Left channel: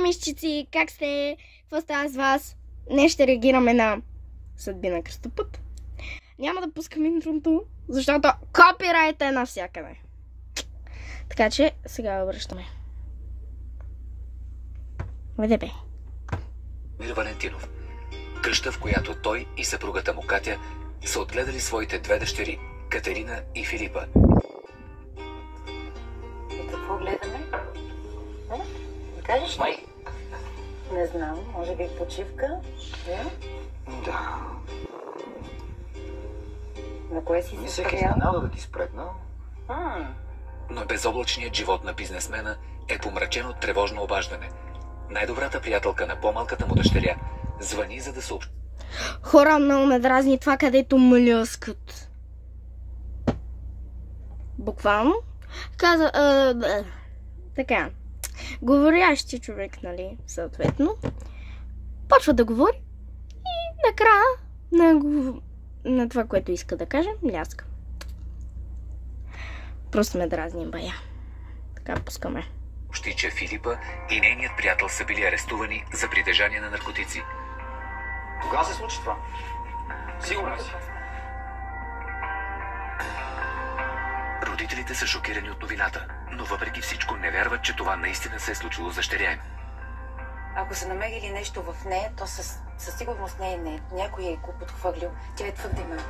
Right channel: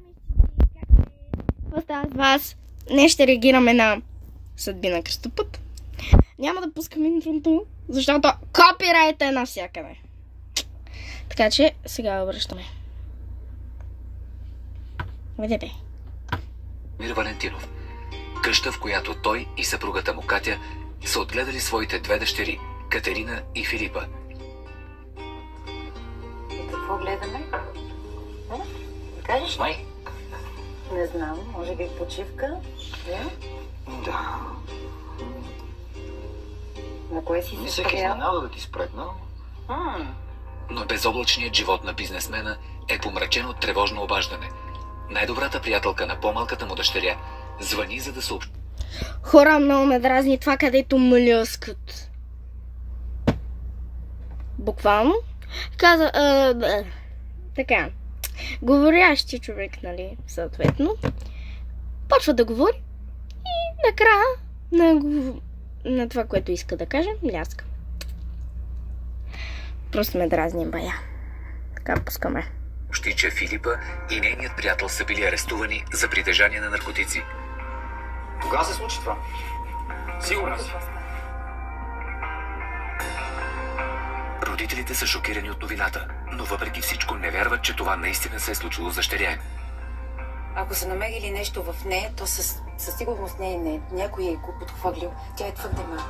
Здравейте, мишчици! Как сте? Какво става с вас? Днес ще реагираме на Съдби на кръстопът. Няма да пускам интрото, защото копирайт е навсякъде. Така че сега връщаме. Виде бе. Мир Валентинов. Къща, в която той и съпругата му Катя са отгледали своите две дъщери, Катерина и Филипа. Какво гледаме? Да кажеш ли? Не знам, може би почивка? Да. На кое си се спрял? Да ти спретна. Но безоблачният живот на бизнесмена е помрачен от тревожно обаждане. Най-добрата приятелка на по-малката му дъщеря звъни, за да съобщи. Хора, много ме дразни това, където млъскат. Буквално. Каза... така. Говорящи човек, нали, съответно. Почва да говори и накрая на това, което иска да каже, мляска. Просто ме дразни бая. Така пускаме. Че Филипа и нейният приятел са били арестувани за притежание на наркотици. Кога се случи това? Сигурно си. Родителите са шокирани от новината, но въпреки всичко не вярват, че това наистина се е случило с дъщеря им. Ако са намерили нещо в нея, то със сигурност не е. Някой е го подхвърлил. Тя е твърде малка.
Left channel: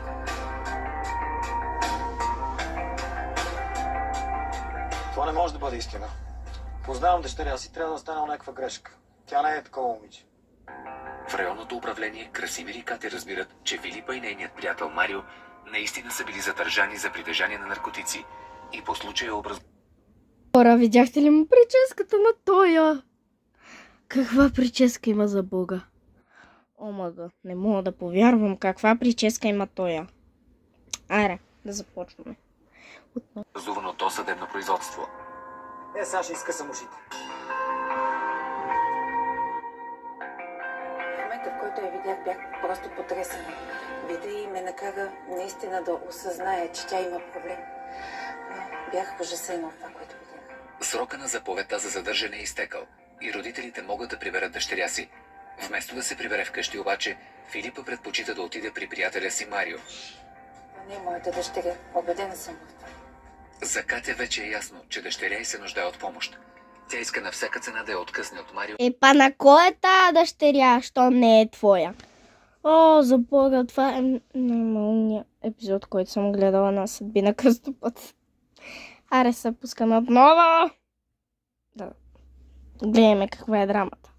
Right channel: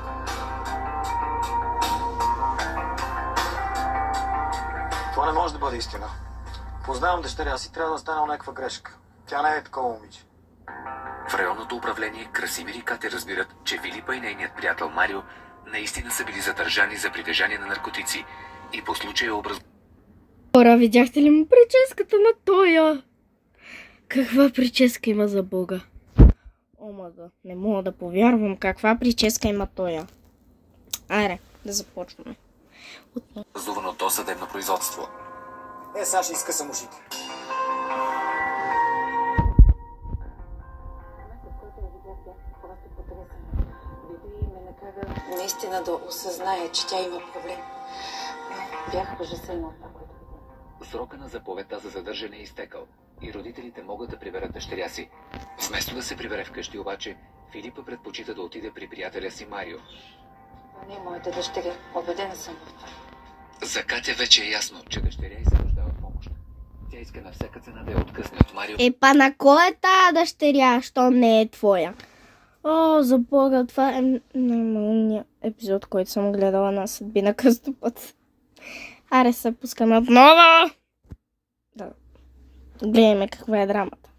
Това не може да бъде истина. Познавам дъщеря си, трябва да стане някаква грешка. Тя не е такова момиче. В районното управление Красимир и Катя разбират, че Филипа и нейният приятел Марио наистина са били задържани за притежание на наркотици и по случая Хора, видяхте ли му прическата на тоя? Каква прическа има за Бога? Омага, не мога да повярвам каква прическа има тоя. Айде, да започваме. Зуваното досъдебно производство. Сега ще изкъсам ушите. В момента, в който я видях, бях просто потресена. Вида и ме накара наистина да осъзная, че тя има проблем. Бях ужасена от това, което видях. Срока на заповедта за задържане е изтекал и родителите могат да приберат дъщеря си. Вместо да се прибере вкъщи обаче, Филипа предпочита да отиде при приятеля си Марио. Това не е моята дъщеря. Убедена съм в това. За Катя вече е ясно, че дъщеря й се нуждае от помощ. Тя иска на всяка цена да я откъсне от Марио. Па на кой е тая дъщеря, що не е твоя? О, за Бога, това е най-малният епизод, който съм гледала на Съдби на кръстопът. Аре се пускаме отново! Да. Гледаме каква е драмата.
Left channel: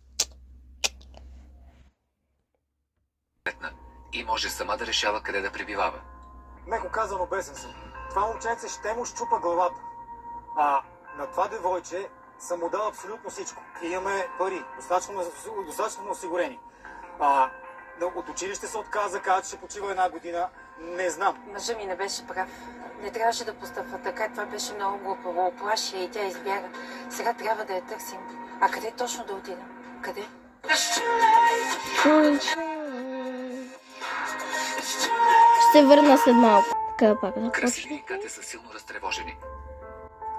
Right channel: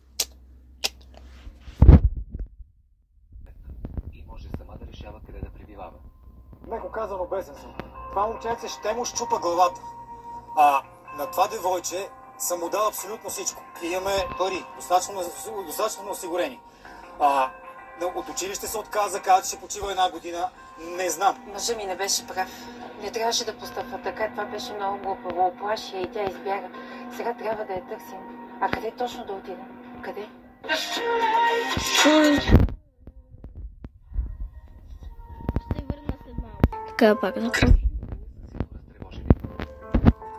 И може сама да решава къде да пребивава. Меко казано, бесен съм. Това момченце ще му щупа главата. На това девойче съм му дал абсолютно всичко. Имаме пари, достатъчно осигурени. От училище се отказа, каза, че ще почива една година. Не знам. Мъжът ми не беше прав. Не трябваше да постъпва така. Това беше много глупаво. Оплаши и тя избяга. Сега трябва да я търсим. А къде точно да отидем? Къде? Ще върна след малко. Така пак да Красиви и Катя са силно разтревожени.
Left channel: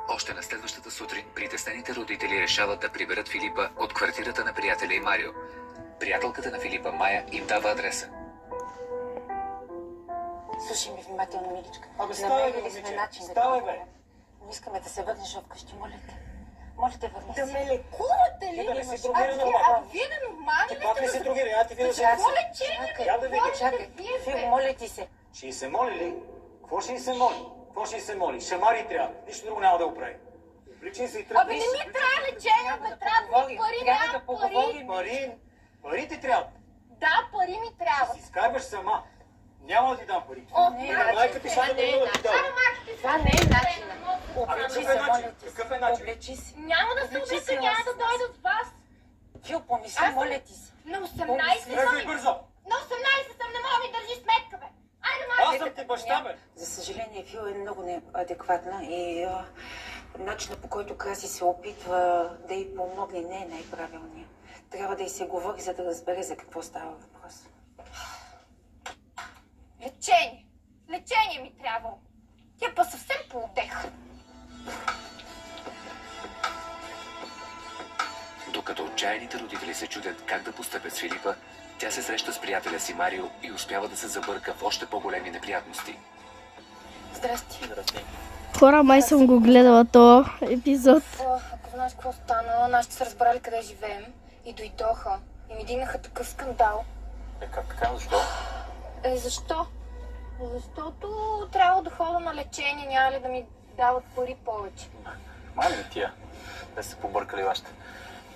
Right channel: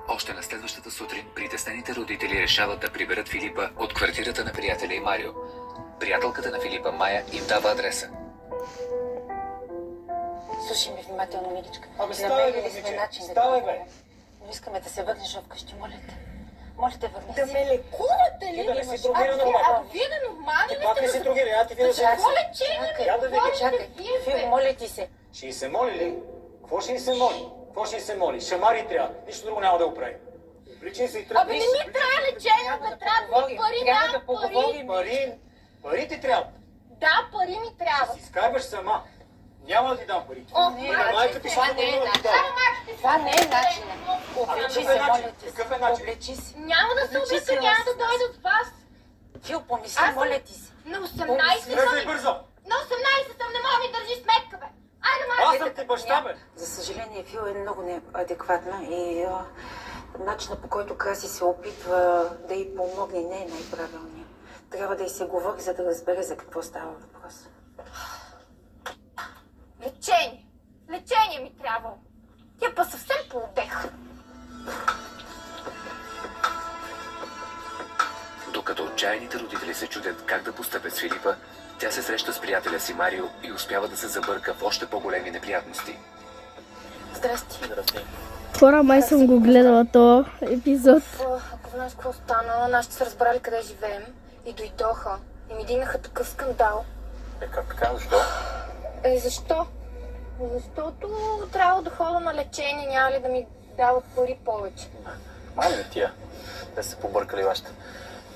Още на следващата сутрин притеснените родители решават да приберат Филипа от квартирата на приятеля и Марио. Приятелката на Филипа, Майя, им дава адреса. Слушай ми внимателно, миличка. Намерили сме начин да бе. Но искаме да се върнеш вкъщи, моля те. Моля те, върни Да се. ме лекувате ли? Да не си другира нормално. Вие да нормални Ти ли пак не сте? си другира, ти видя Какво лечение ми Я да видим. Чакай, Фил, моля ти се. Ще й се моли ли? Какво ще й се моли? Какво ще й се моли? Шамари трябва. Нищо друго няма да го прави. Обличай се и тръгни. Абе не ми трябва лечение, бе, трябва ми пари, Трябва да да, поговорим. пари. Пари ти трябва. Да, пари ми трябва. Си изкарваш сама. Няма да ти дам пари. О, Майка ти ще това не е да ти даде. Това не е начинът. Облечи какъв се, е начин? моля ти се. Какъв е начин? Облечи се. Няма да се Облечи облека, се, няма да аз- дойда от вас. Фил, помисли, Аз- моля ти се. На 18 Бързо съм. и бързо. На 18 съм, не мога ми държи сметка, бе. Айде, Аз майде. съм ти баща, бе. За съжаление, Фил е много неадекватна и начинът, по който Краси се опитва да й помогне, не е най-правилният. Трябва да й се говори, за да разбере за какво става въпрос. Лечение. Лечение ми трябва. Тя па съвсем поотех. Докато отчаяните родители се чудят как да постъпят с Филипа, тя се среща с приятеля си Марио и успява да се забърка в още по-големи неприятности. Здрасти. Хора, май съм го гледала този епизод. Ако знаеш какво стана, нашите са разбрали къде живеем и дойдоха. И ми дигнаха такъв скандал. Как така? Защо? Защо? Защото трябва да ходя на лечение, няма ли да ми дават пари повече. Мали не тия. Да се побъркали вашата.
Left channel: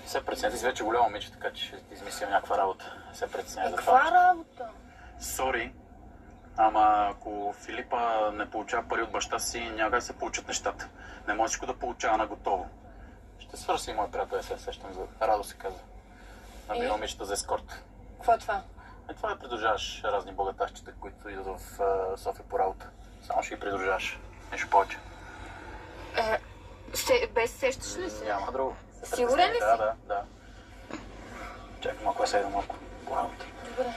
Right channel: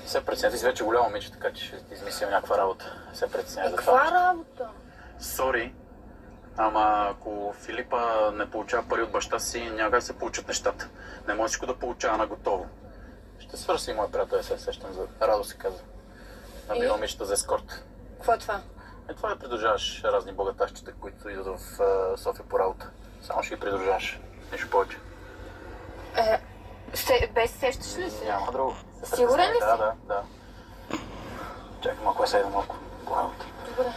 Все преценя, ти си вече голямо момиче, така че ще измислям някаква работа. Все преценя за това. Каква работа? Сори, ама ако Филипа не получава пари от баща си, няма да се получат нещата. Не може всичко да получава на готово. Ще свърши мой приятел, се сещам за Радо се казва. Набира момичета за ескорт. Какво е това? Това да придружаваш разни богатащите, които идват в София по работа. Само ще ги придружаваш. Нищо повече. Без сещаш ли се? Няма друго. Сигурен ли си? Да. Чакай малко, аз седа малко по работа. Добре.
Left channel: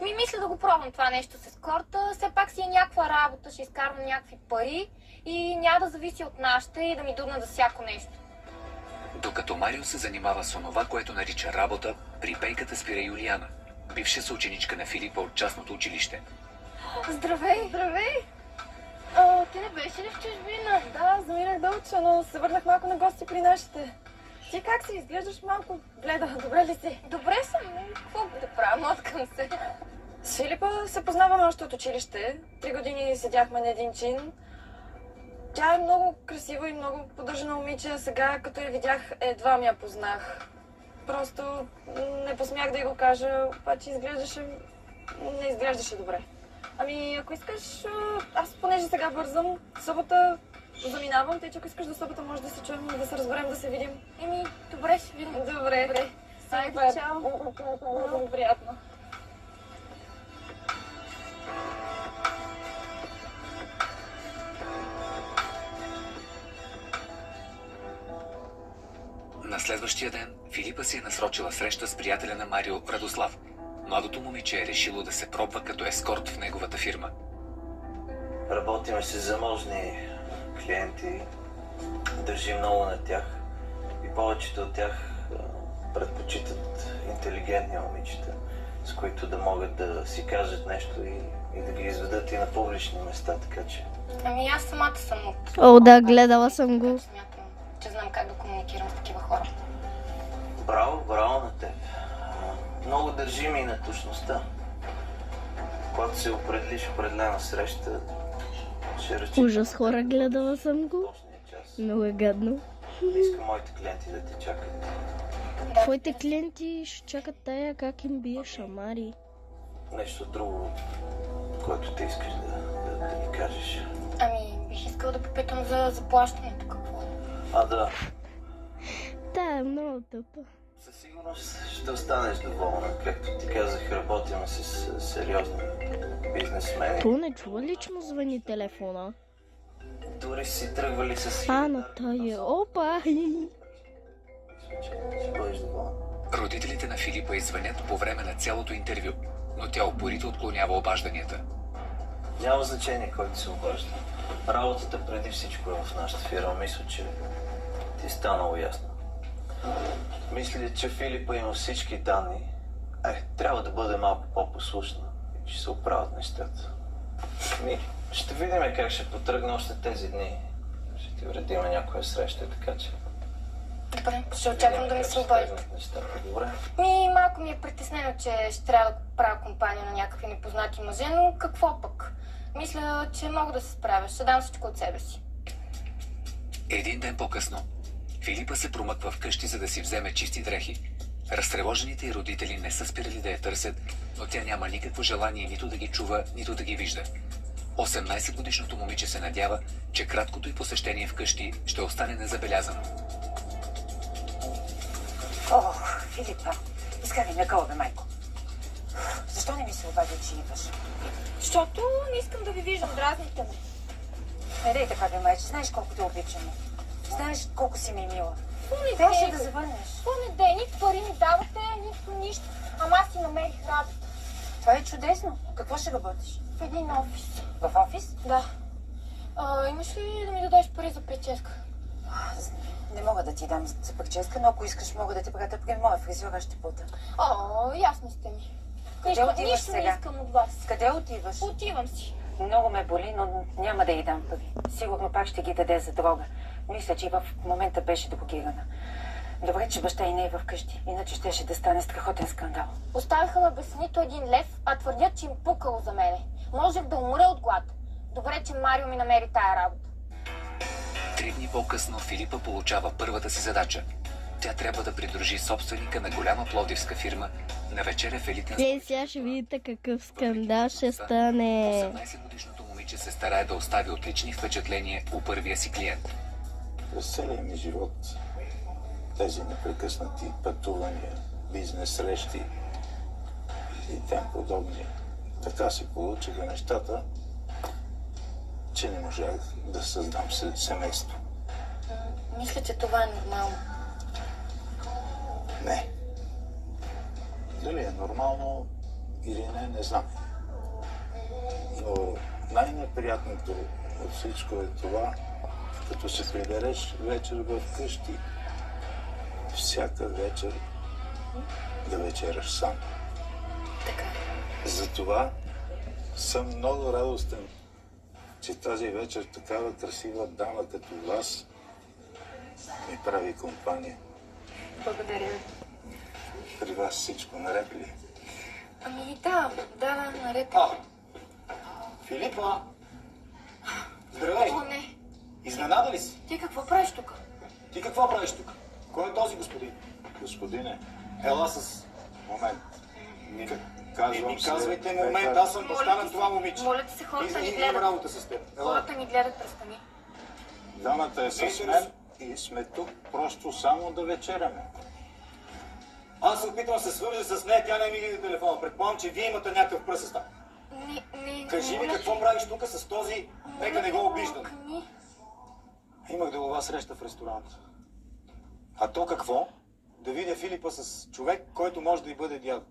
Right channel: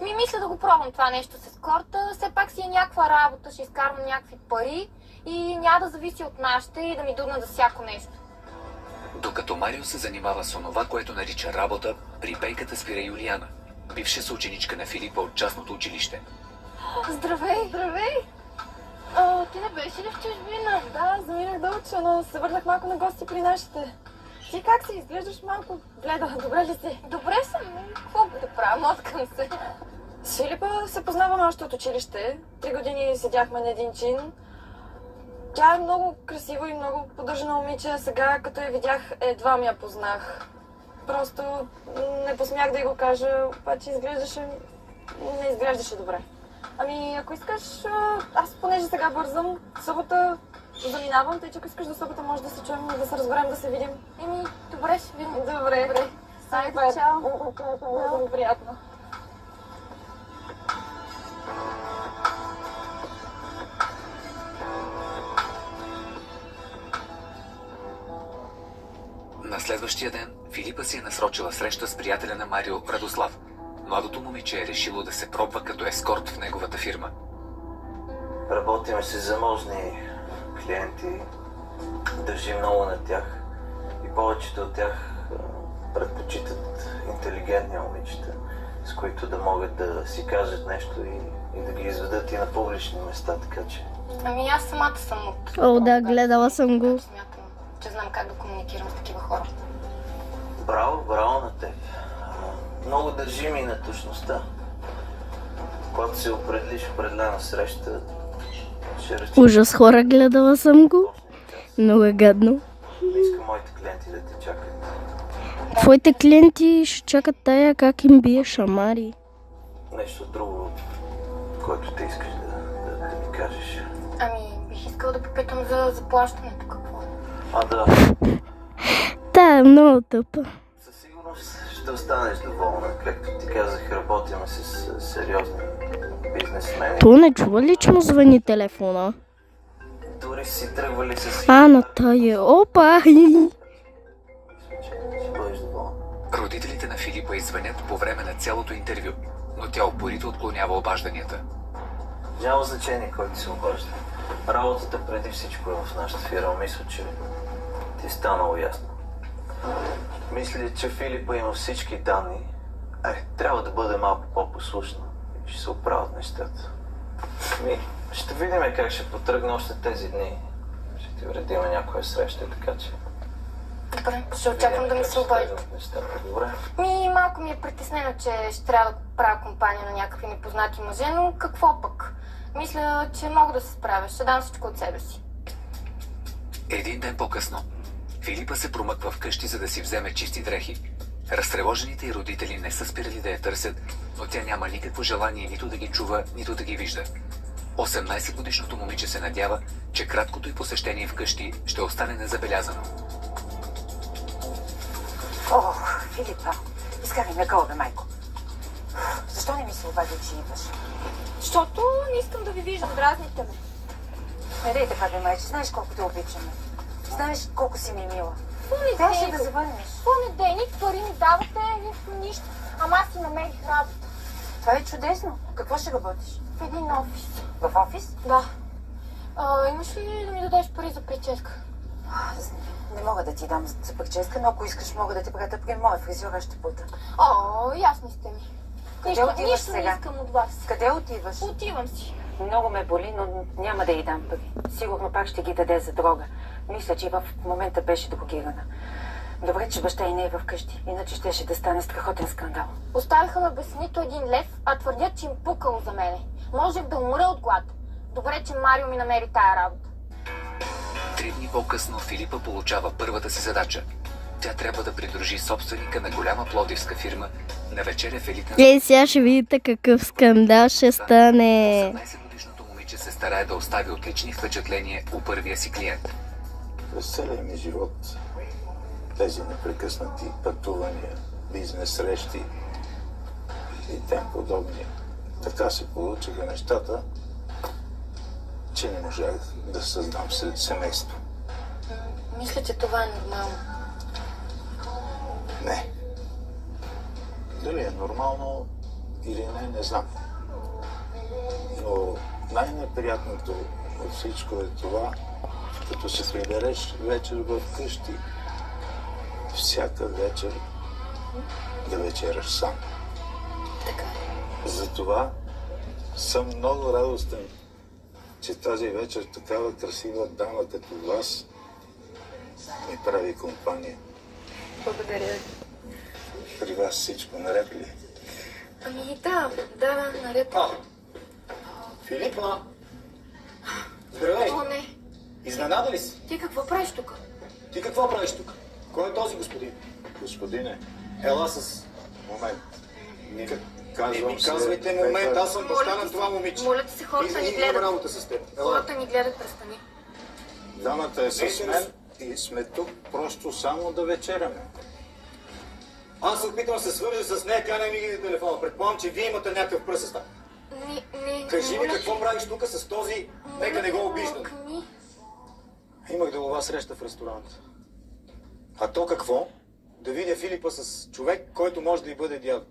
Мисля да го пробвам това нещо с ескорта. Все пак си е някаква работа, ще изкарвам някакви пари и няма да зависи от нашите и да ми дудна за всяко нещо. Докато Марио се занимава с онова, което нарича работа, при пейката спира Юлиана, бивша съученичка на Филипа от частното училище. Здравей! Здравей! Ти не беше ли в чужбина? Да, заминах да уча, но се върнах малко на гости при нашите. Ти как си? Изглеждаш малко бледа. Добре ли си? Добре съм, но какво да правя? Моткам се. С Филипа се познаваме още от училище. 3 години седяхме на един чин. Тя е много красива и много поддържана момиче, а сега, като я видях, едва ми я познах. Просто не посмях да й го кажа, обаче не изглеждаше добре. Ами, ако искаш, аз понеже сега бързам, събота заминавам, тъй че ако искаш до събота може да се чуем, да се разберем, да се видим. Добре, ще видим. Добре. Айде, чао. Много приятно. На следващия ден Филипа си е насрочила среща с приятеля на Марио, Радослав. Младото момиче е решило да се пробва като ескорт в неговата фирма. Работиме с заможни клиенти, държим много на тях и повечето от тях предпочитат интелигентни момичета, с които да могат да си кажат нещо и да ги изведат и на публични места, така че... Ами аз самата съм от... Да, гледала съм го. Смятам, че знам как да комуникирам с такива хора. Браво на теб. Много държим и на точността. Когато се определиш в определена среща, ще рече... Ужас, хора, гледала съм го. Много е гадно. Не искам моите клиенти да те чакат. Твоите клиенти ще чакат тая как им бие шамари. Нещо друго, което те искаш да ми кажеш. Ами, бих искала да попитам за заплащането какво. Да. Та е много тъпа. Със сигурност ще останеш доволна. Както ти казах, работим с сериозни бизнесмени. То не чува ли, че му звъни телефона? Дори си тръгвали с... На тая. Опа! Ще бъдеш доволна. Родителите на Филипа извънят по време на цялото интервю, но тя упорито отклонява обажданията. Няма значение кой ти се обажда. Работата преди всичко е в нашата фирма. Мисля, че ти е станало ясно. Мисля, че Филипа има всички данни. Трябва да бъде малко по-послушна. Ще се оправят нещата. Ще видим как ще потръгне още тези дни. Ще ти уредим някоя среща, така че... Добре, ще очаквам да ми се обадите. Добре. Малко ми е притеснено, че ще трябва да правя компания на някакви непознати мъже, но какво пък? Мисля, че мога да се справя. Ще дам всичко от себе си. Един ден по-късно, Филипа се промъква вкъщи, за да си вземе чисти дрехи. Разтревожените й родители не са спирали да я търсят, но тя няма никакво желание нито да ги чува, нито да ги вижда. 18-годишното момиче се надява, че краткото й посещение вкъщи ще остане незабелязано. Филипа, изкарай ме гълбе, майко. Защо не ми се обади, че идваш? Защото не искам да ви виждам, дразните ме. Не дей така, бе, майче, знаеш колко те обичаме. Знаеш колко си ми мила. Какво Трябваше да завърнеш. Какво не дей? Нито пари ми давате, нито нищо. Ама аз си намерих работа. Това е чудесно. Какво ще работиш? В един офис. В офис? Да. Имаш ли да ми дадеш пари за прическа? Не мога да ти дам за прическа, но ако искаш, мога да те пратя при моя фризьор, аз ще пута. О, ясни сте ми. Къде отиваш нищо сега? не искам от вас. Къде отиваш? Отивам си. Много ме боли, но няма да й дам пари. Сигурно пак ще ги даде за дрога. Мисля, че и в момента беше дрогирана. Добре, че баща и не е вкъщи, иначе щеше да стане страхотен скандал. Оставиха ме без нито един лев, а твърдят, че им пукало за мене. Можех да умра от глад. Добре, че Марио ми намери тая работа. 3 дни по-късно Филипа получава първата си задача. Тя трябва да придружи собственика на голяма пловдивска фирма на вечеря в елитна... Сега ще видите какъв скандал ще стане. 18-годишното момиче се старае да остави отлични впечатления у първия си клиент. През целия ми живот тези непрекъснати пътувания, бизнес срещи и тем подобни. Така се получиха нещата, че не можах да създам семейство. Мисля, че това е нормално. Не. Дали е нормално или не знам. Но най-неприятното от всичко е това, като се прибереш вечер в къщи, всяка вечер да вечераш сам. Така. Затова съм много радостен, че тази вечер такава красива дама като вас ми прави компания. Благодаря ви. При вас всичко наред ли? Ами да, наред. Филипа! Здравей! О, не. Изненада ли си? Ти какво правиш тук? Ти какво правиш тук? Кой е този господин? Господине, Ела с... момент. Казвам казвайте момент, аз съм баща на това момиче. Моля ти се, хората ни гледат. Имам работа с теб. Хората ни гледат, престани. Дамата е с мен и сме тук просто само да вечеряме. Аз се опитвам да се свържа с нея, тя не ми ги телефона. Предполагам, че вие имате някакъв пръсест. Не. Кажи ми какво правиш тук с този, нека не го обиждам. Имах делова среща в ресторант. А то какво? Да видя Филипа с човек, който може да й бъде дядо.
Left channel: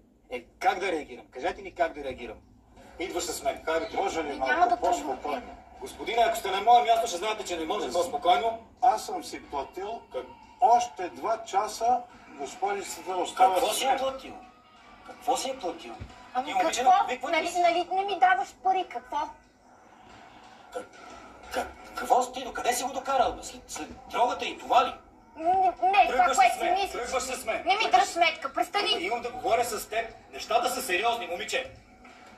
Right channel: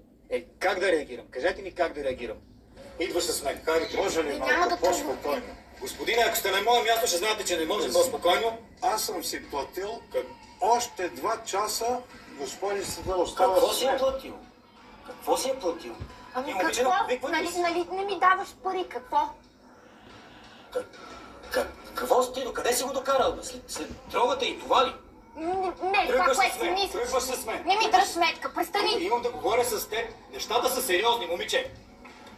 Как да реагирам? Кажете ми как да реагирам. Идваш с мен. Може ли малко по-спокойно? Господине, ако сте на мое място, ще знаете, че не може по-спокойно. Аз съм си платил още 2 часа господицата остава Какво с си мен. е платил? Какво си е платил? Ами какво? Нали не ми даваш пари, какво? Какво си ти? Докъде си го докарал? След дрогата и това ли? Не, това, което си мислиш. Тръгваш с мен. Не ми дръж сметка, престани. Имам да говоря с теб. Нещата са сериозни, момиче.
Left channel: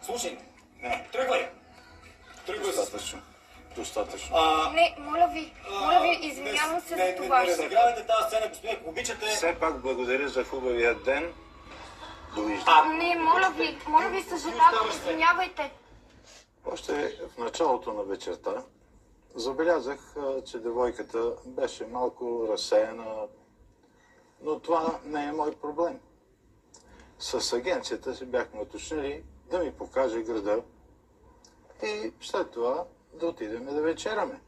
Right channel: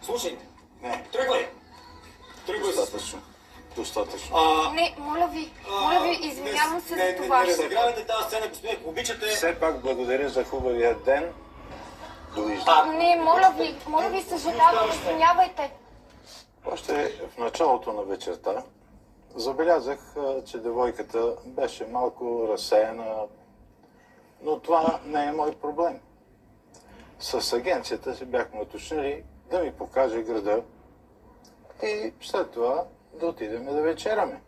Слушай, Не, тръгвай. Тръгвай с... достатъчно. Не, моля ви, извинявам се за това. Не разигравайте тази сцена, господин, ако обичате. Все пак благодаря за хубавия ден. Довиждане. Не, моля ви, съжалявам, извинявайте. Още в началото на вечерта забелязах, че девойката беше малко разсеяна, но това не е мой проблем. С агенцията си бяхме уточнили да ми покаже града и след това да отидем да вечеряме.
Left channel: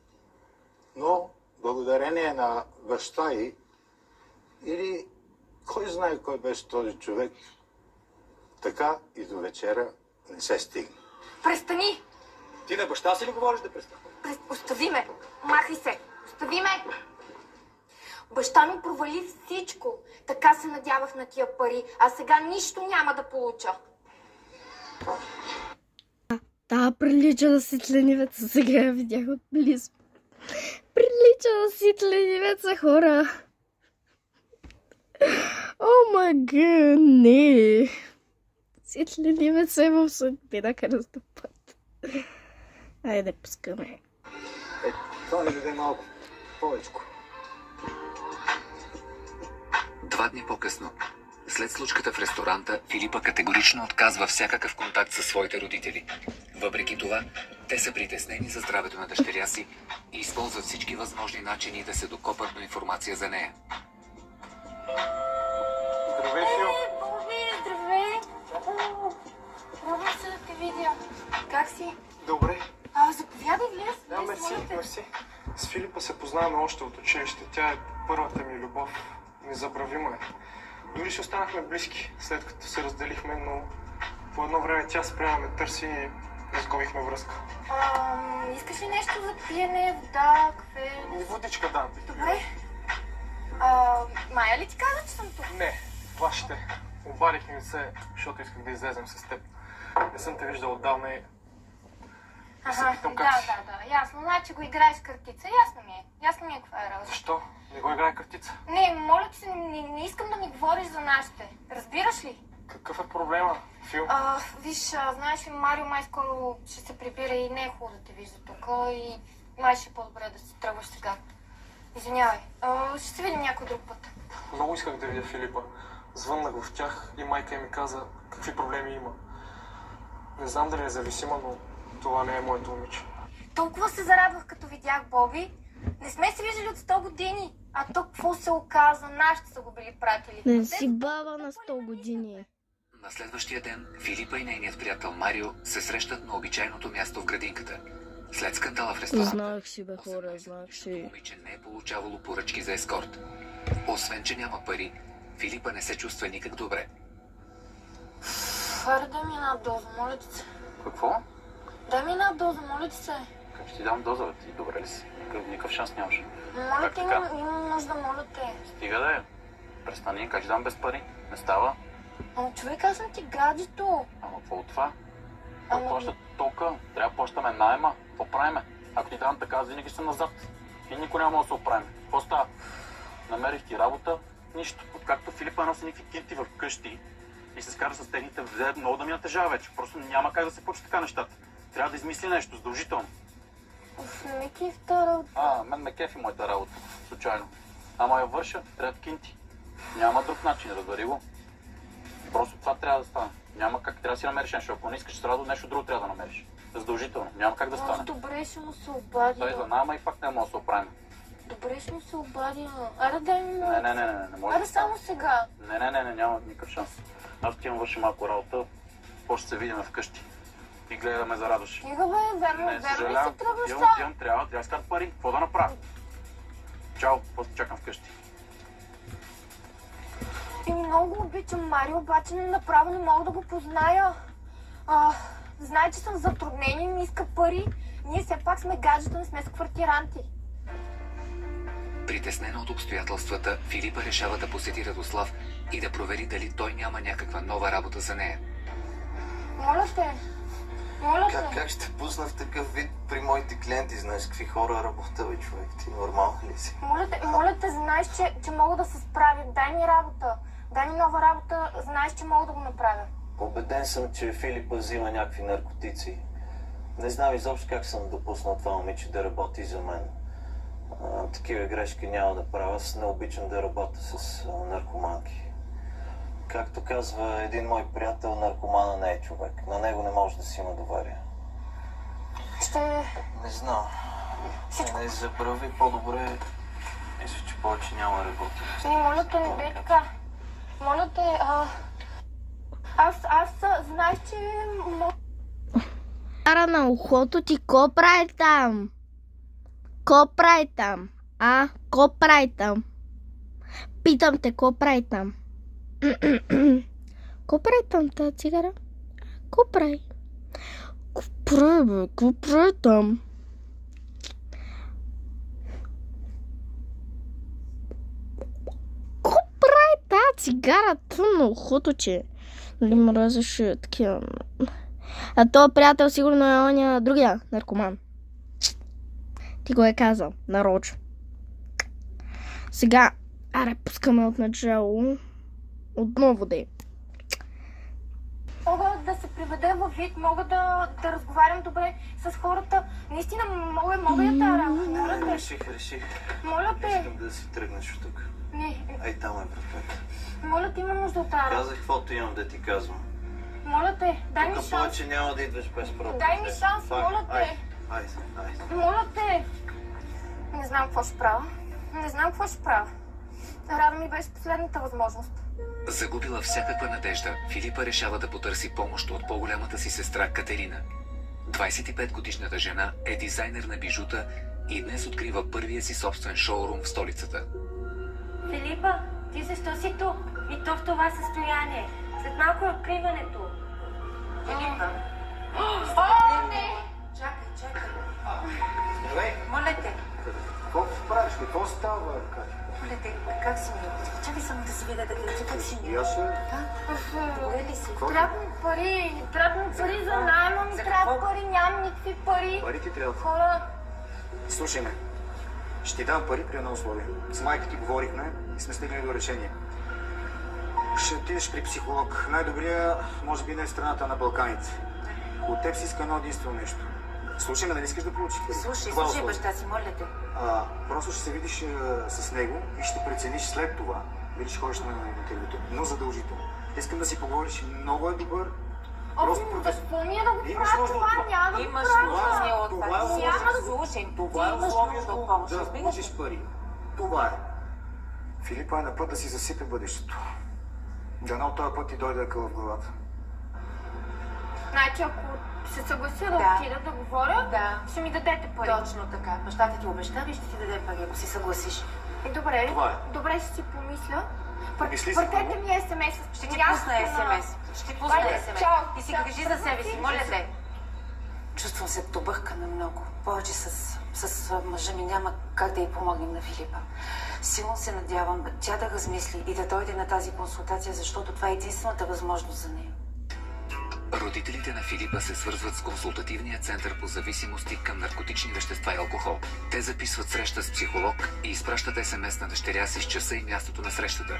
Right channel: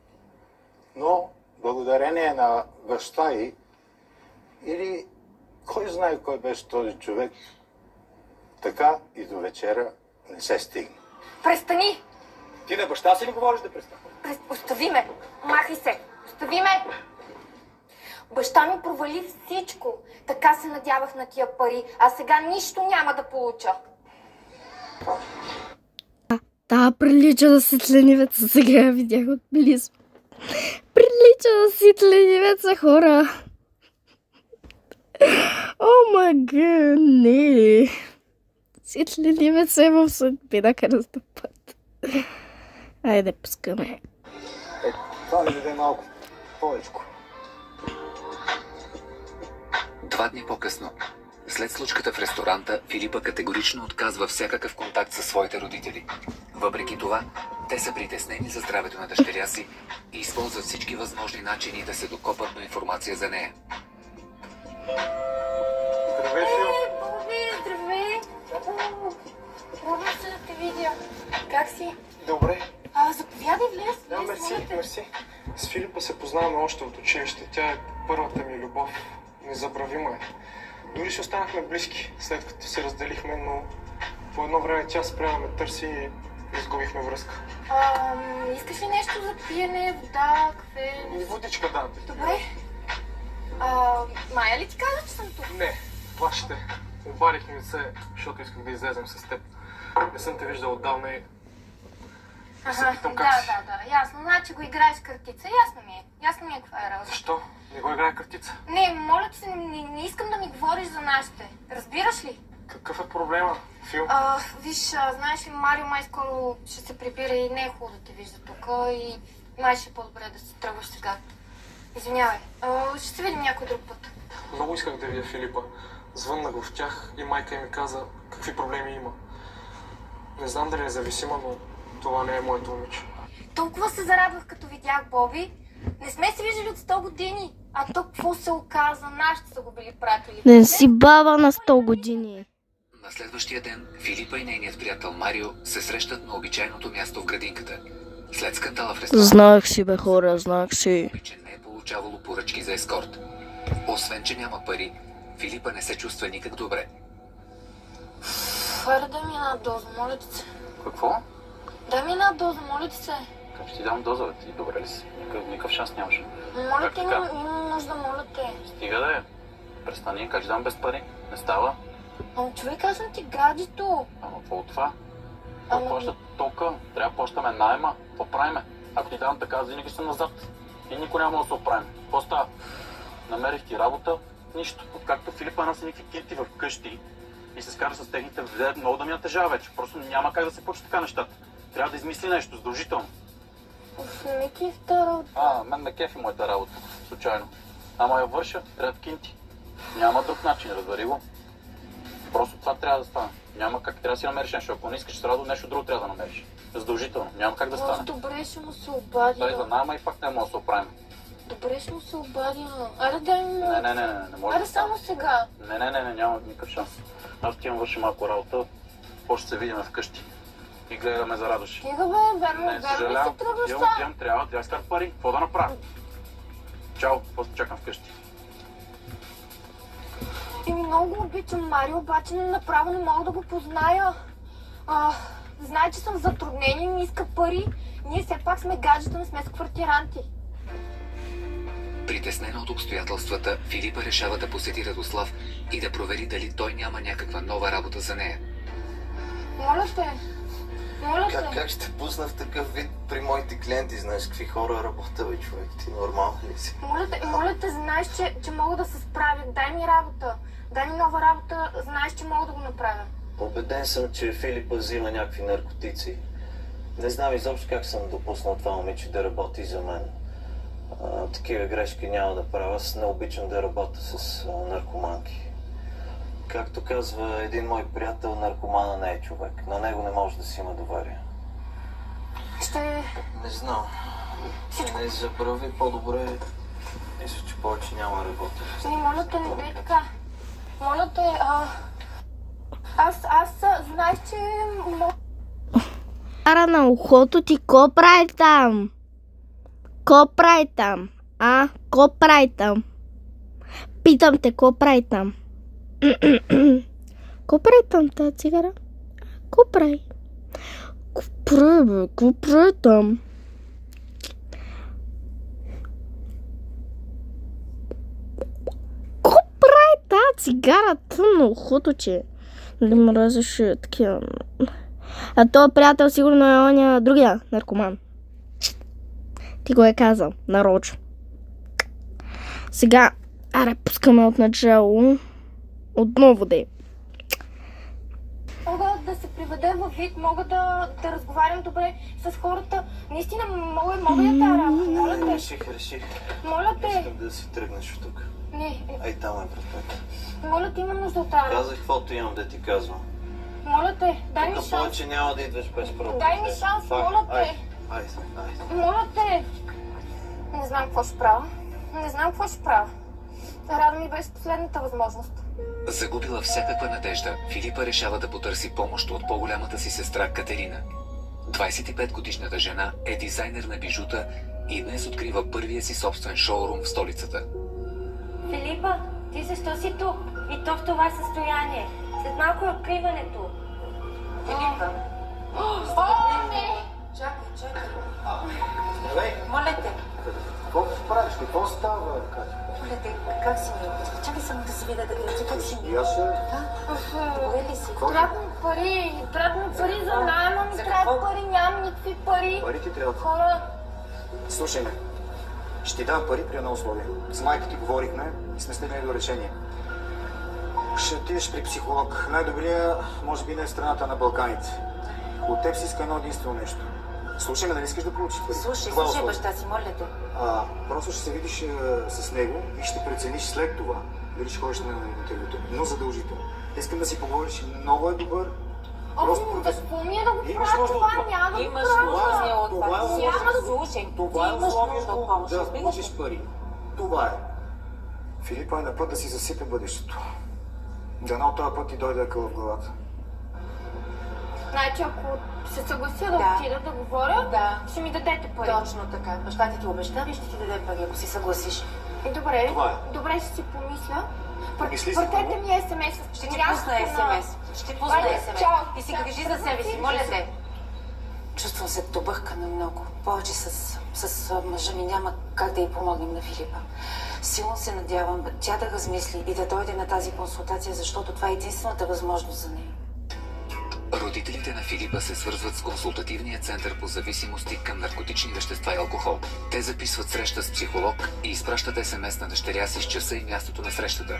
Но благодарение на баща й или кой знае кой беше този човек, така и до вечера не се стигна. Престани! Ти на баща си ли говориш да престане? Остави ме! Махай се! Остави ме! Баща ми провали всичко. Така се надявах на тия пари, а сега нищо няма да получа. Да, прилича на светленивеца, сега я видях отблизо. Прилича на светленивеца, хора. О, мага, не. Светленивеца е в съдбина кръстопът. Айде, пускаме. Това ми даде малко повечко. 2 дни по-късно, след случката в ресторанта, Филипа категорично отказва всякакъв контакт със своите родители. Въпреки това, те са притеснени за здравето на дъщеря си и използват всички възможни начини да се докопат до информация за нея. Здравей, Фил. Боби, здравей! Пробвам се да те видя. Как си? Добре. Заповядай, влез. Да, влез, мерси. С Филипа се познаваме още от училище. Тя е първата ми любов. Незабравима е. Дори ще останахме близки, след като се разделихме, но по едно време тя спря да ме търси и изгубихме връзка. Искаш ли нещо за пиене, вода, кафе? Водичка, да. Добре. Майя ли ти каза, че съм тук? Не, вашите. Обадих ми се, защото исках да излезем с теб. Не съм те виждал отдавна и... Да, ясно. Значи го играеш картица. Ясно ми е каква е работа. Защо? Не го играе картица? Не, моля ти се, не искам да ми говориш за нашите. Разбираш ли? Какъв е проблема, Фил? Виж, знаеш ли, Марио май скоро ще се прибира и не е хубаво да те вижда тук и май ще е по-добре да се тръгваш сега. Извинявай. Ще се видим някой друг път. Много исках да видя Филипа. Звъннах в тях и майка ми каза какви проблеми има. Не знам дали е зависима, но това не е моето момиче. Толкова се зарадвах, като видях Боби. Не сме се виждали от 100 години. А то какво се оказа? Нашите са го били пратили. Не си баба на 100 години. На следващия ден Филипа и нейният приятел Марио се срещат на обичайното място в градинката. След скандала в ресторанта... Знаех си, бе, хора, знаех си. Момиче не е получавало поръчки за ескорт. Освен, че няма пари, Филипа не се чувства никак добре. Аре, дай ми една доза, моля ти се. Какво? Дай ми една доза, моля ти се. Как ще ти дам доза? Ти добре ли си? Никакъв шанс нямаш. Моля те, имам нужда, моля те. Стига да е. Престани, как ще дам без пари? Не става. Човек, аз съм ти гаджето. Ама какво от това? Какво плаща тока? Трябва да плащаме найема. Какво правиме? Ако ти дам така, аз винаги съм назад. И никой няма да се оправим. Какво става? Намерих ти работа? Нищо. Откакто Филипа носи някакви кинти в къщи и се скара с техните, взе много да ми натежава вече. Просто няма как да се почне така нещата. Трябва да измисли нещо, задължително. Не ме кефи тази работа. Мен ме кефи моята работа. Случайно. Ама я върша, трябва кинти. Няма друг начин, разбери го. Просто това трябва да стане. Няма как, трябва да си намериш нещо. Ако не искаш да работа, нещо друго трябва да намериш. Задължително. Няма как да стане. Добре, ще му се обадя. Той за nama и пак не може да се оправим. Добре, ще му се обадя. Аре, дай ми му. Не може. Аре, само сега. Не, няма никакъв шанс. Аз ти имам върши малко работа. После се видим вкъщи. И гледаме за радост. Стига бе, верно ли се тръгваш сега? Трябва да скарат пари. Какво да направя? Чао, после чакам вкъщи. Много обичам Марио, обаче направо не мога да го позная. Знае, че съм в затруднение и ми иска пари. Ние все пак сме гаджета, не сме с квартиранти. Притеснена от обстоятелствата, Филипа решава да посети Радослав и да провери дали той няма някаква нова работа за нея. Моля те. Как ще пусна в такъв вид при моите клиенти? Знаеш какви хора работа, бе, човек? Ти нормално ли си? Моля те, знаеш, че мога да се справя. Дай ми работа. Дай ми нова работа. Знаеш, че мога да го направя. Убеден съм, че Филипа взима някакви наркотици. Не знам изобщо как съм допуснал това момиче да работи за мен. Такива грешки няма да правя. Аз не обичам да работя с наркоманки. Както казва един мой приятел, наркомана не е човек. На него не може да си има доверие. Не знам. Не забрави по-добре. Мисля, че повече няма работа. Моля те, не дей така. Моля те, Аз знаеш, че... Ара на ухото ти, ко прави там? Ко прави там? Ко прави там? Питам те, ко прави там? Ко прави там тази цигара? Ко прави? Ко прави там? Ко прави тази цигара? Тъмно ухото, че... Нали мразеше такива... А този приятел сигурно е оня другия наркоман. Ти го е казал, нарочно. Сега, аре, пускаме от начало. Отново да е. Мога да се приведа във вид, мога да разговарям добре с хората. Наистина, мога да тая работа. Моля те. Реших. Моля те. Искам да си тръгнеш от тук. Не. Ай, там е вратата. Моля те, имам нужда от тая работа. Казах каквото имам да ти казвам. Моля те, дай ми шанс. Повече няма да идваш без проблем. Дай ми шанс, моля те. Айде. Моля те. Не знам какво ще правя. Рада ми беше последната възможност. Загубила всякаква надежда, Филипа решава да потърси помощ от по-голямата си сестра Катерина. 25-годишната жена е дизайнер на бижута и днес открива първия си собствен шоурум в столицата. Филипа, ти защо си тук? И то в това състояние? След малко е откриването. Филипа. Не! Чакай. Здравей! Моля те. Какво правиш? Какво става, Катя? Моля те, как Трябва ми пари за найма, ми трябва пари, нямам никакви пари. Пари ти трябва. Хора... Слушай ме, ще ти дам пари при едно условие. С майка ти говорихме и сме стигнали до решение. Ще отидеш при психолог. Най-добрия, може би, не е в страната на Балканите. От теб си иска едно единствено нещо. Слушай ме, да не искаш да получиш пари. Слушай, баща си, моля те. Просто ще се видиш с него и ще прецениш след това дали ще ходиш на интервюто. Но задължително. Искам да си поговориш, много е добър. Просто какво ми е да го правя това? Няма да го правя. Това е условието да получиш пари. Това е. Филипа е на път да си засипе бъдещето. Дано от този път ти дойде акъл в главата. Значи, ако се съглася да отида да говоря, ще ми дадете пари. Точно така. Баща ти обещава и ще ти даде пари, ако си съгласиш. Добре, ще си помисля. Пратете ми СМС. Ще ти пусна СМС. И си грижи за себе си, моля те. Чувствам се добъркана много. Повече с мъжа ми няма как да й помогнем на Филипа. Силно се надявам тя да размисли и да дойде на тази консултация, защото това е единствената възможност за нея. Родителите на Филипа се свързват с консултативния център по зависимости към наркотични вещества и алкохол. Те записват среща с психолог и изпращат СМС на дъщеря си с часа и мястото на срещата.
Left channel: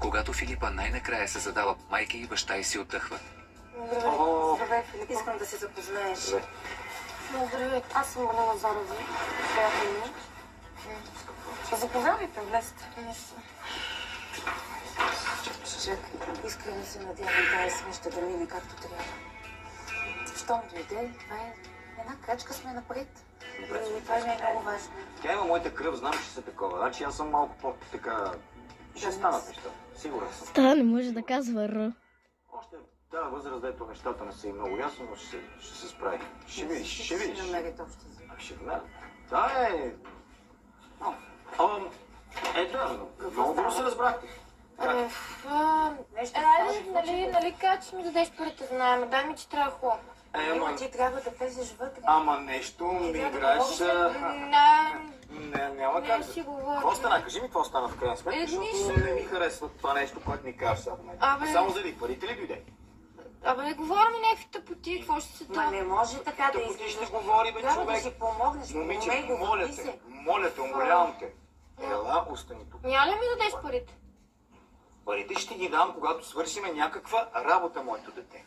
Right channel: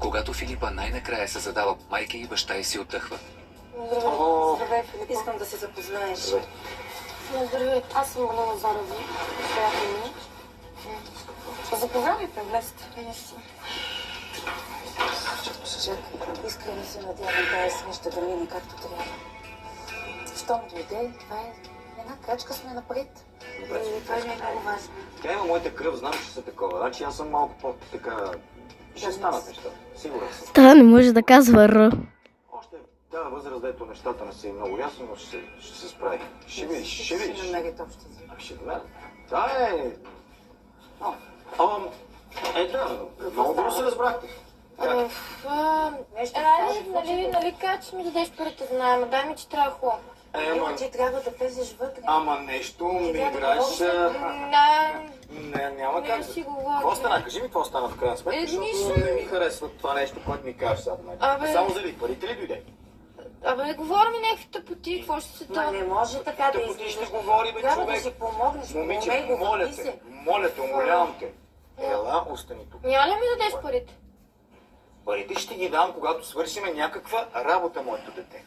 Когато Филипа най-накрая се задава, майка и баща й си отдъхват. Здравей, Филип. Искам да се запознаеш. Здравей, аз съм Галина Зарова. Приятели. Заповядайте, влезте. Искрено се надявам тази среща да мине както трябва. Щом дойде, това е една крачка сме напред. И това е много важно. Тя има моята кръв, знам, че са такова. Значи аз съм малко по-така... Ще станат неща. Сигурен съм. Та не може да казва Р. Още в тази възраст, дето нещата не са и много ясно, но ще се справи. Ще видиш. Ще намерят общо. Ще намерят. Да, много добро се разбрахте. Нали кажа, че ми дадеш парите за найма, дай ми, че трябва хубаво. Ти трябва да влезеш вътре. Ама нещо ми играеш... Няма как. Какво стана? Кажи ми какво стана в крайна сметка, защото не ми харесва това нещо, което ми кажеш сега. Само заради парите ли дойде? Не говори ми някакви тъпоти, какво ще се това? Не може така да изглеждаш. Ще говори, бе, човек. Трябва да си помогнеш. Момиче, моля те, умолявам те. Ела, остани тук. Няма ли ми дадеш парите? Парите ще ги дам, когато свършиме някаква работа, моето дете.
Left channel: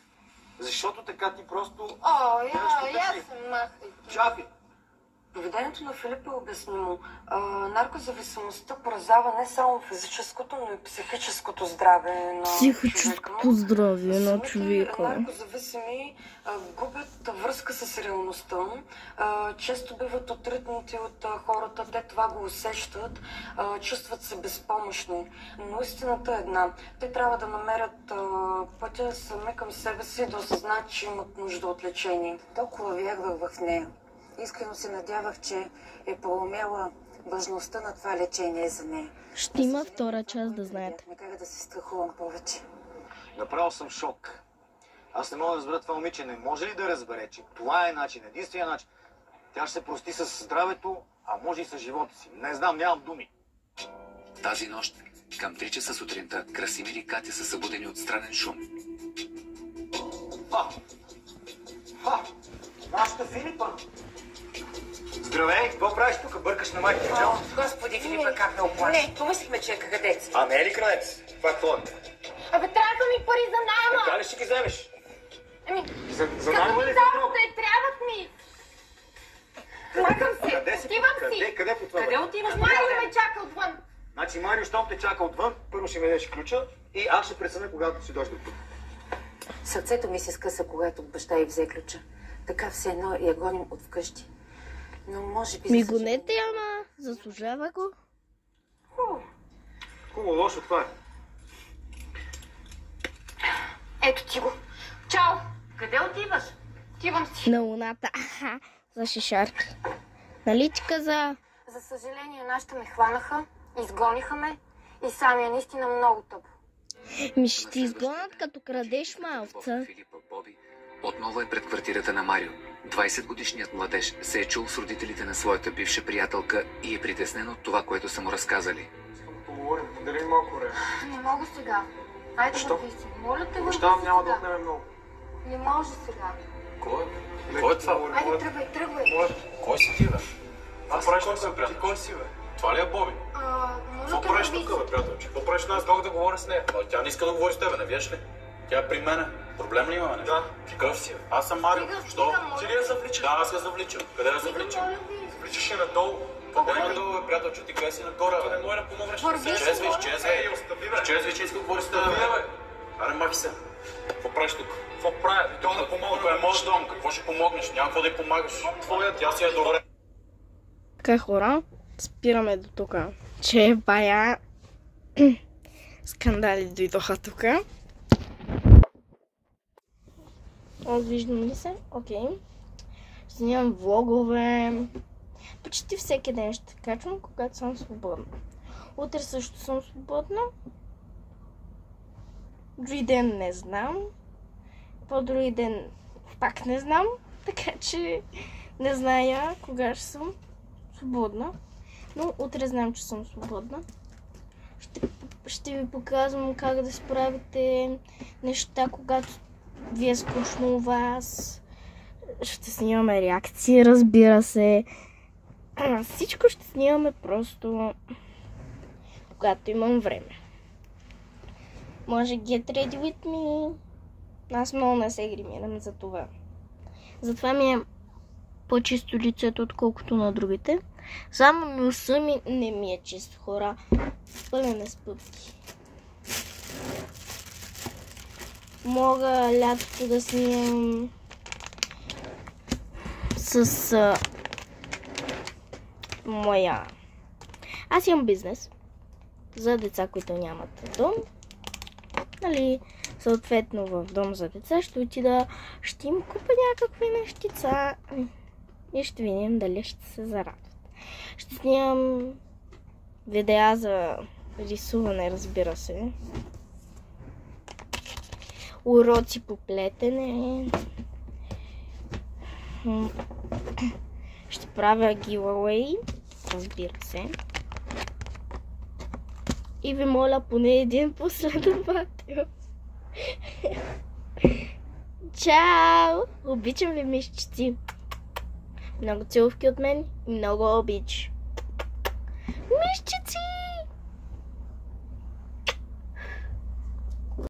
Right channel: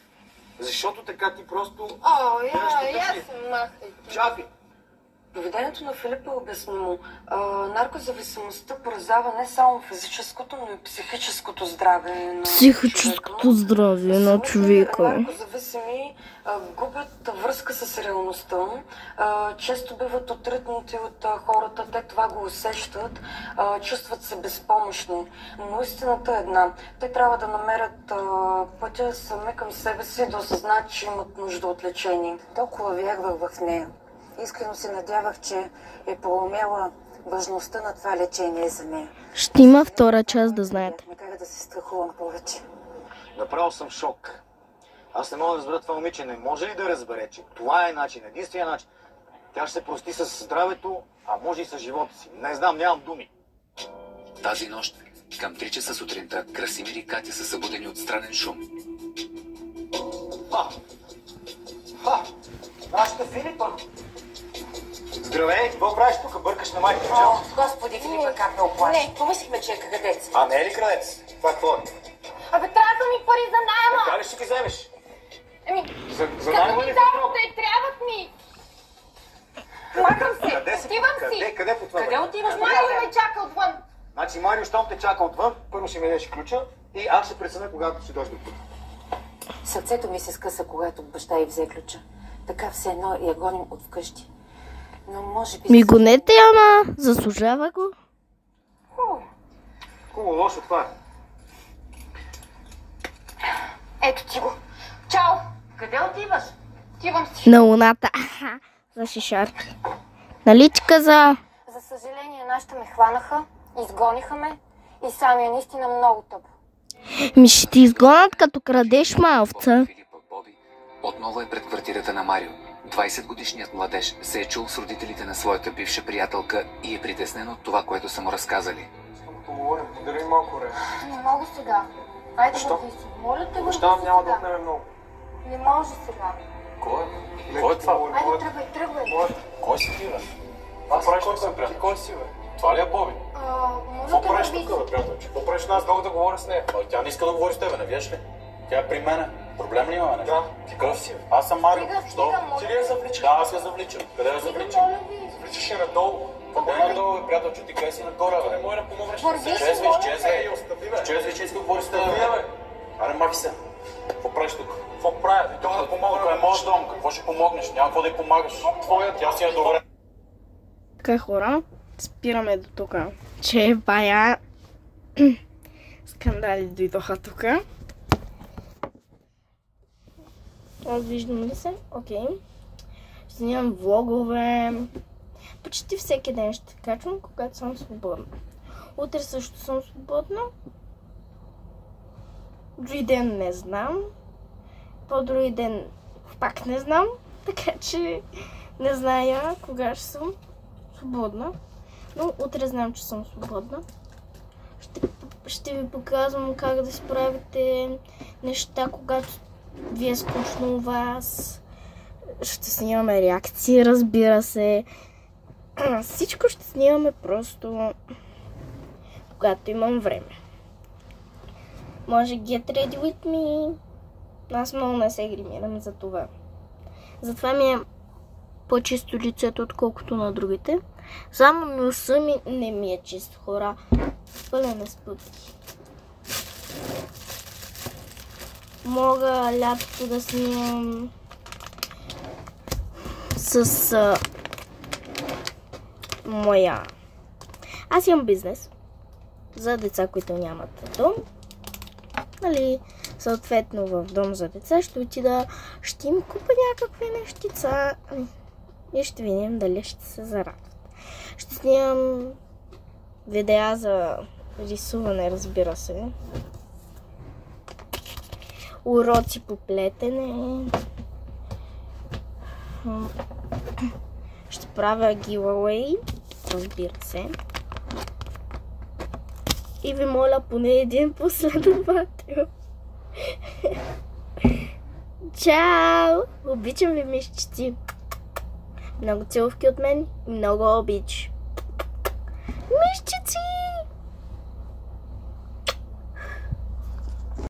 Защото така ти просто... Я съм махай. Чакай. Поведението на Филип е обяснимо. Наркозависимостта поразява не само физическото, но и психическото здраве на Психическото здраве на човека. Наркозависими губят връзка с реалността. Често биват отритнати от хората, те това го усещат, чувстват се безпомощни. Но истината е една. Те трябва да намерят пътя сами към себе си, да осъзнаят, че имат нужда от лечение. Толкова вярвах в нея. Искрено се надявах, че е проумяла важността на това лечение за нея. Ще има втора част, да знаете. Накара да се страхувам повече. Направо съм шок. Аз не мога да разбера това момиче. Не може ли да разбере, че това е начин, единствения начин? Тя ще се прости с здравето, а може и с живота си. Не знам, нямам думи. Тази нощ, към 3 часа сутринта, Красимир и Катя са събудени от странен шум. Нашата Филипа! Здравей, какво правиш тук? Бъркаш на майка чао. Господи, Филипа, как ме оплаши. Помислихме, че е крадец. А не е ли крадец? Това какво е? Трябваха ми пари за найма! Така ли ще ги вземеш? За Като найма ми ли дават, трябват ми! Махам се! Отивам си! Къде по това? Къде отиваш? Марио ме чака отвън! Значи Марио, щом те чака отвън, първо ще ми дадеш ключа и аз ще преценя, когато си дойде тук. Сърцето ми се скъса, когато баща й взе ключа. Така все едно я гоним от вкъщи. Но може би... Ми гонете, ама заслужава го. Хубаво, лошо това е. Ето ти го. Чао! Къде отиваш? Отивам си. На луната. За шишарки. Нали ти каза? За съжаление, нашите ме хванаха, изгониха ме и сами е наистина много тъпо. Ми ще ти изгонят като крадеш маловца. Отново е пред квартирата на Марио. 20-годишният младеж се е чул с родителите на своята бивша приятелка и е притеснен от това, което са му разказали. Поговорим, подари малко време. Не мога сега. Айде, Защо? върви си. Моля те, Обещавам, няма да сега. отнеме много. Не може сега. Кой? Кой е това? Айде, тръгвай. Кой си ти, бе? Аз правиш тук, бе, приятел. Кой си, бе? Това ли е Боби? Моля те, правиш върви тук, си. бе, приятелче? Какво правиш аз дълго да говоря с нея? Тя не иска да говори с тебе, не виж ли? Тя е при мене. Проблем ли имаме? Да. Какъв си? Аз съм Марио. Що? Ти ли я завличаш? Да, аз я завличам. Къде я завличам? Моля ви. Вличаш я надолу. Къде е надолу, бе, приятелче? Ти къде си нагоре, Не бе? може да помогнеш. Върви си, Изчезвай, моля изчезвай. Ей, остави, бе. Изчезвай, че иска да говори с тебе, Остави, бе. бе. Аре, махи се. Какво правиш тук? Какво прави? Това да помогна. Тук е моят дом. Какво ще помогнеш? Няма какво да й помагаш. Твоят, Тя си е добре. Така, хора, спираме до тук. Че бая скандали дойдоха тук. Виждам ли се? Окей. Ще снимам влогове. Почти всеки ден ще качвам, когато съм свободна. Утре също съм свободна. Други ден не знам. По-други ден пак не знам. Така че не зная кога ще съм свободна. Но утре знам, че съм свободна. Ще ви показвам как да справите неща, когато ви е скучно у вас. Ще снимаме реакции, разбира се. Всичко ще снимаме просто когато имам време. Може get ready with me. Аз много не се гримирам за това. Затова ми е по-чисто лицето, отколкото на другите. Само носа ми не ми е чист, хора. Пълен е с пъпки. Мога лятото да снимам с моя... Аз имам бизнес за деца, които нямат дом. Нали, съответно в дом за деца ще отида, ще им купа някакви нещица и ще видим дали ще се зарадват. Ще снимам видеа за рисуване, разбира се. Уроци по плетене. Ще правя giveaway, разбира се. И ви моля поне един последовател. Чао! Обичам ви, мишчици. Много целувки от мен и много обич. Мишчици!